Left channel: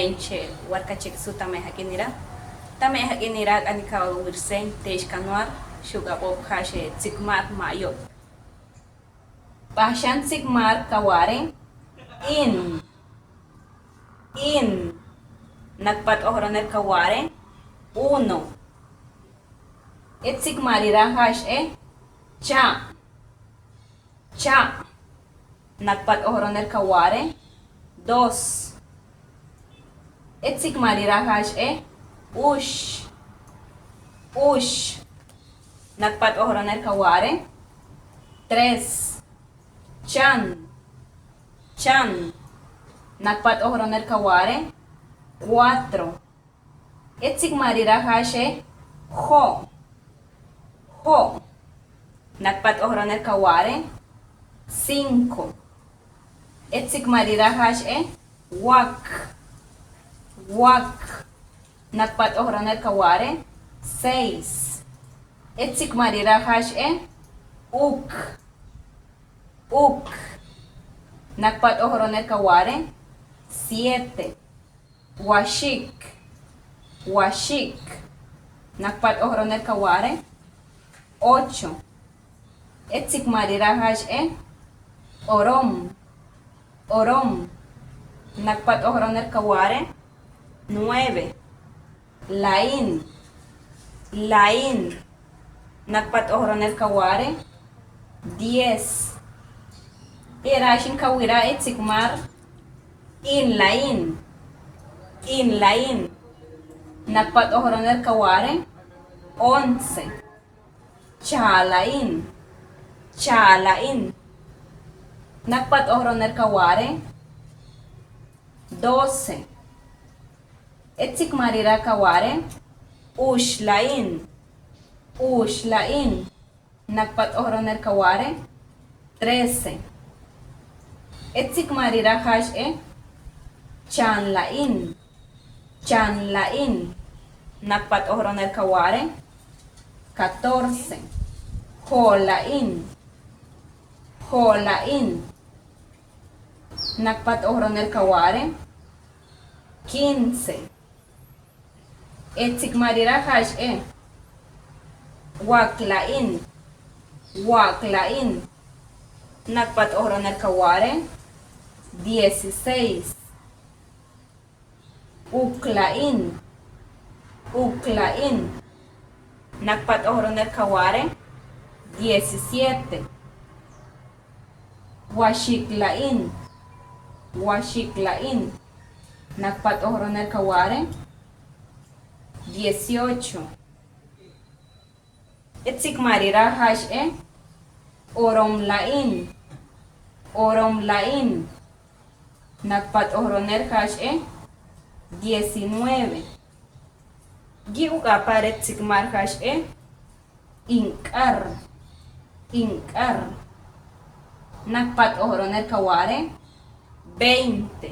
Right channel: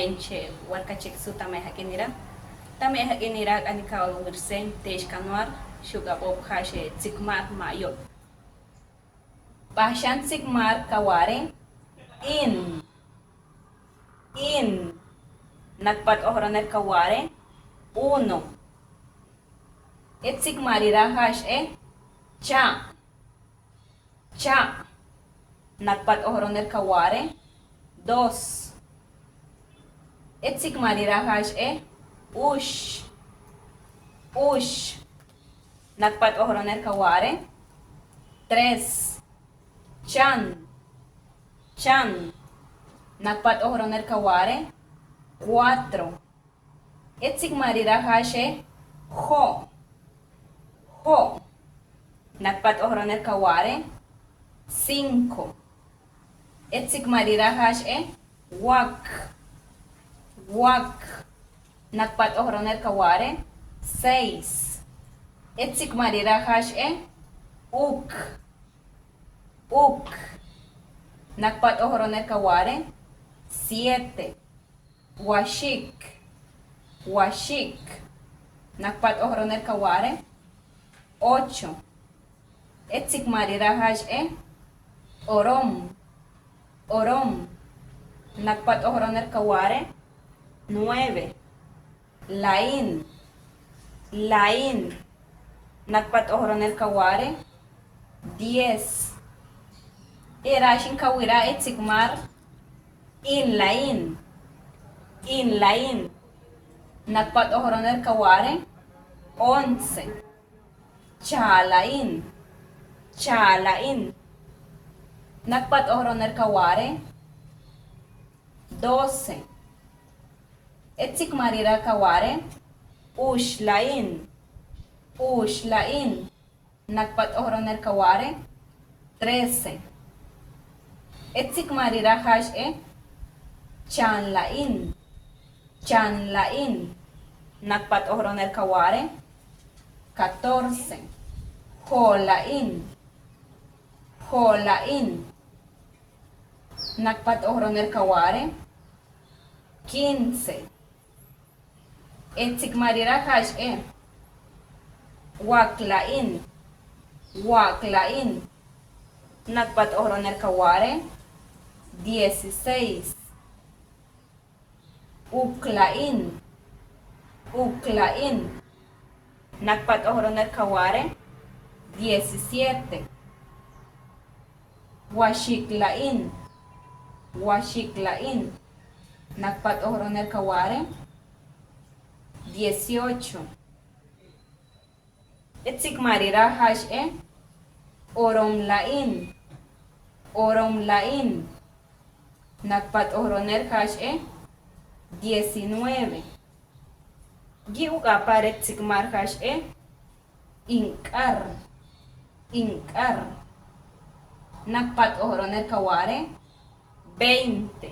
may shel warka chek su tamay hakinira ani ka wirsen tesh kanwar shuga pop khashe tsikmar mayo pashan tsikmar kaware in nagpat ohroner kaware uno tsikmarira hash cha nagpat ohroner kaware dos tsikmarira hash ush nagpat ohroner kaware tres chan nagpat ohroner kaware cuatro tsikmarira hash ho nagpat ohroner kaware cinco tsikmarira hash wak nagpat ohroner kaware seis tsikmarira hash uk nagpat ohroner kaware siete washik nagpat ohroner kaware ocho tsikmarira hash orom nagpat ohroner kaware nueve lain nagpat ohroner kaware diez irashin kawira tsikmar in lain nagpat ohroner kaware once chalain nagpat ohroner kaware doce tsikmarira kaware ushlain nagpat ohroner kaware trece tsikmarira hash chanlain nagpat ohroner kaware catorce holain nagpat ohroner kaware quince tsikmarira hash waklain nagpat ohroner kaware dieciséis uklain nagpat ohroner kaware diecisiete washiklain nagpat ohroner kaware dieciocho tsikmarira hash oromlain nagpat ohroner hash diecinueve giuk apare tsikmar hash inkar nagpat ohroner kaware veinte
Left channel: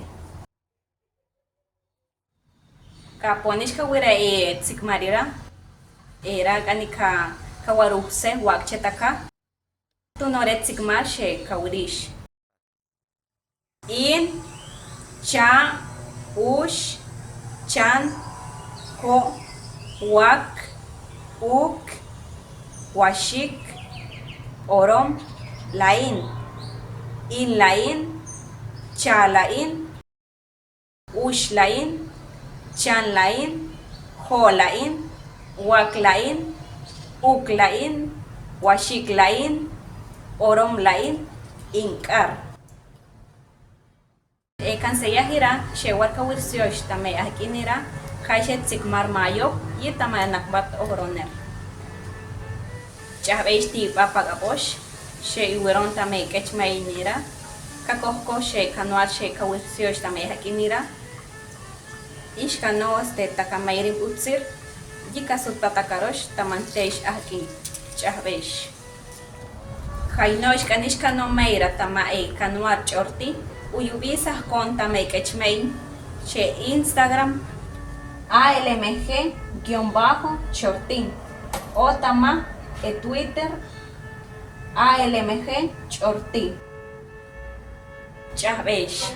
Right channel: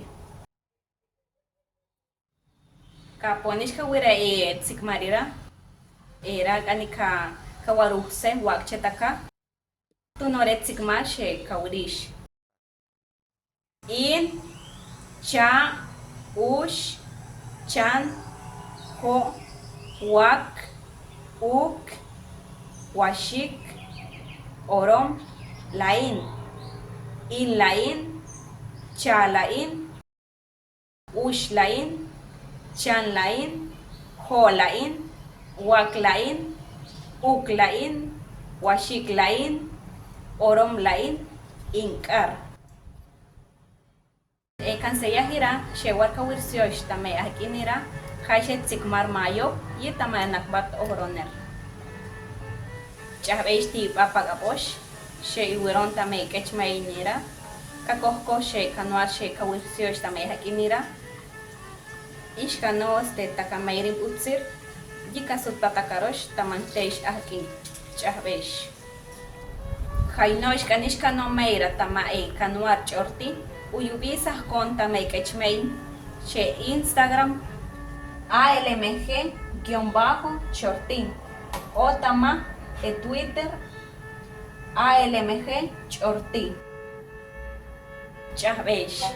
kaponish kawira tsikmarira era kanika kawaruse wakchetaka tunore tsikmar she kawrish in cha ush chan ho wak uk washik orom lain in lain chalain ushlain chanlain holain waklain uklain washiklain oromlain inkar kanseyahira shewar kawirsiosh tamay ahkinira kashet tsikmar mayo y tamay nakbat ohroner chahbeish ti papagaposh she iweron tamay kechmaynira kakohko she kanwar she kawirsiosh tamay ahkinira ishkanos de takamayrin utsir yikasut patakarosh tamantesh ahkin chahbeish Kainosh kanishka no meira tamae kanwar chorti uyubisas konta meikechmein che Instagram ALMG-chortin o tama e Twitter ALMG chorti. Chahbeish.